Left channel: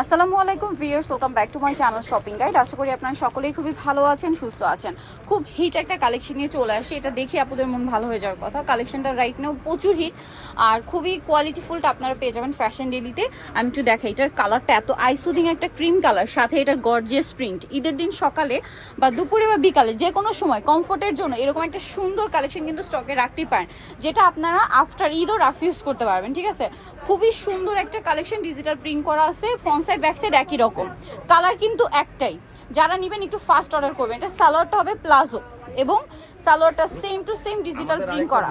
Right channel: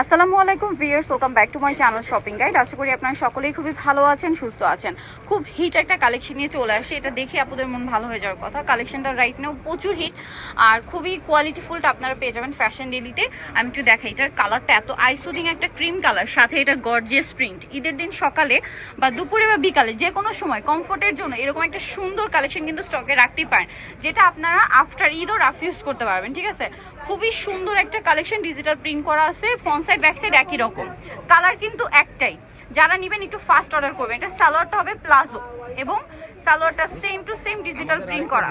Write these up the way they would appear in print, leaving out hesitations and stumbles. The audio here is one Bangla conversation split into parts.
আসসালামু আলাইকুম viewers, welcome back to my channel shopping guide. আশা করি আপনারা সকলেই খুবই ভালো আছেন, সুস্থ আছেন। খুব হিট একটা কালেকশন নিয়ে চলে আসে, এটা দেখে আপনাদের মন ভালো হয়ে যাওয়ার কথা। কালেকশনটা রাইট নাও প্রচুর হিট আর খুবই কোয়ালিটিফুলটা আপনারা পেয়ে যাবেন ফ্যাশন ডেলিতে। আমি একটু দেখাই, এটার কালারটা এত আইসুদিং একটা ক্রিম কালার, সাথে এটা গর্জিয়াস প্রিন্ট। ঈদের দিন সকালে বা দুপুরে বা বিকালে যে কোনো সময় কমফোর্টের জন্য এরকম একটা সুন্দর কালেকশন কিন্তু স্টকে রাখতেই পারেন, যেটা আপনারা আফটার ঈদও রাফ ইউজ করতে পারবেন। ঠিক আছে, খুবই সুন্দর একটা কালেকশন, ডিজিটাল প্রিন্ট করা আছে, ফ্রন্ট সাইড ব্যাক সাইড একই রকম, কালার কিন্তু একটাই। যারা নেবেন একটু ফাস্ট অর্ডার করবেন। এটা সালোয়ারটা হবে প্লাজো এবং সালোয়ারটা same to same digital print করা।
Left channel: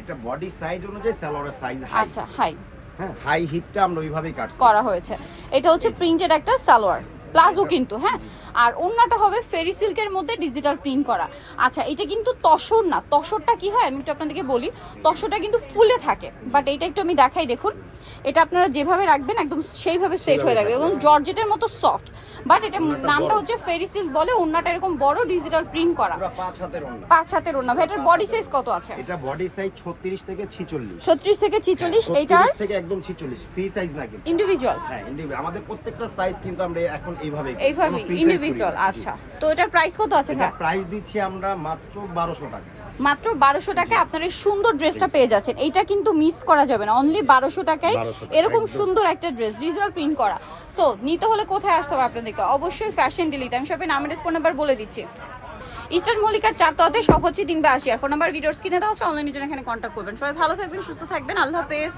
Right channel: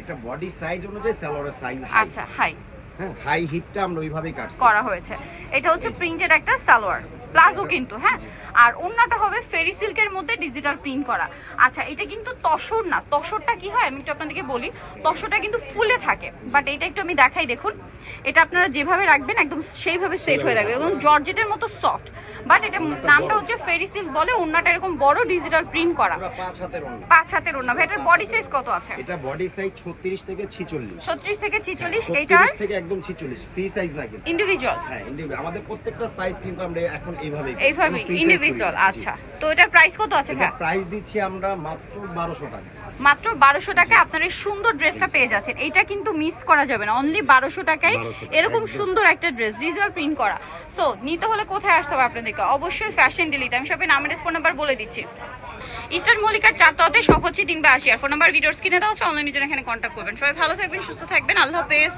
এটা বডি সাইজ অনুযায়ী সালোয়ারের সাইজ হাই। আচ্ছা, হাই, হ্যাঁ, হাই হিপটা আমরা ওইভাবেই কাটছি করা হয়েছে। এটা হচ্ছে প্রিন্টেড একটা সালোয়ার প্লাজো কিন্তু, হ্যাঁ। আর ওন্নাটা হবে ফেরি সিল্কের মধ্যে ডিজিটাল প্রিন্ট করা। আচ্ছা, এটা কিন্তু তসর না। তসরটা কি হয় আমি একটু আপনাদেরকে বলি, তসরটা কিন্তু ফুলে থাকে, বাট এটা একটু আমি দেখাই। দেখুন, এটা আপনারা যেভাবে রাখবেন একদম সেইভাবে সেট হয়ে যাবে এবং জর্জেটের মতো সফট। বাট এটা নামটা হচ্ছে ফেরি সিল্ক বলে। ওন্নাটা এরকম বড় ডিজিটাল প্রিন্ট করা, পুরো 5 হাতের ওন্না। 5 হাতের ওন্না। ভাই, এটার বডি সাইজ কত আছে? এটা বডি সাইজ 36 থেকে 46। 36 থেকে 46। এইটার এইটার থেকে একদম 46 ফ্রি সাইজ না কিন্তু ইন্ডিভিজুয়াল। হ্যাঁ, ইন্ডিভিজুয়াল। আমাদের প্রত্যেকটা সাইজ কিন্তু আমরা এখন এইভাবে ইন্ডিভিজুয়াল। আচ্ছা, তো এটার প্রাইস কত আছে ভাই? প্রাইস দিচ্ছি আমরা মাত্র 1200 টাকা। মাত্র 1200 টাকায় আপনারা এই সুন্দর ড্রেসটা পেয়ে যাচ্ছেন। এইটা কিন্তু মিস করা যাবে না, অনলি 1200 টাকায় এরকম সুন্দর একটা ড্রেস ডিজিটাল প্রিন্ট করা। সো নিতে হলে কোথায় আসতে হবে আপনাদেরকে? অবশ্যই ফ্যাশন ডেলিতে। আমি সবাই নামের ফোন নাম্বার বলে দিচ্ছি। ইস্টার্ন মল্লিকার 4 তলাতে, সব হচ্ছে 3 বা 80। আর ফোন নাম্বার ভিডিওর স্ক্রিনে দেওয়া আছে, অনলাইনের জন্য এখানে কন্ট্যাক্ট করবেন। সবাই ভালো থাকবেন, সুস্থ থাকবেন, আল্লাহ হাফেজ।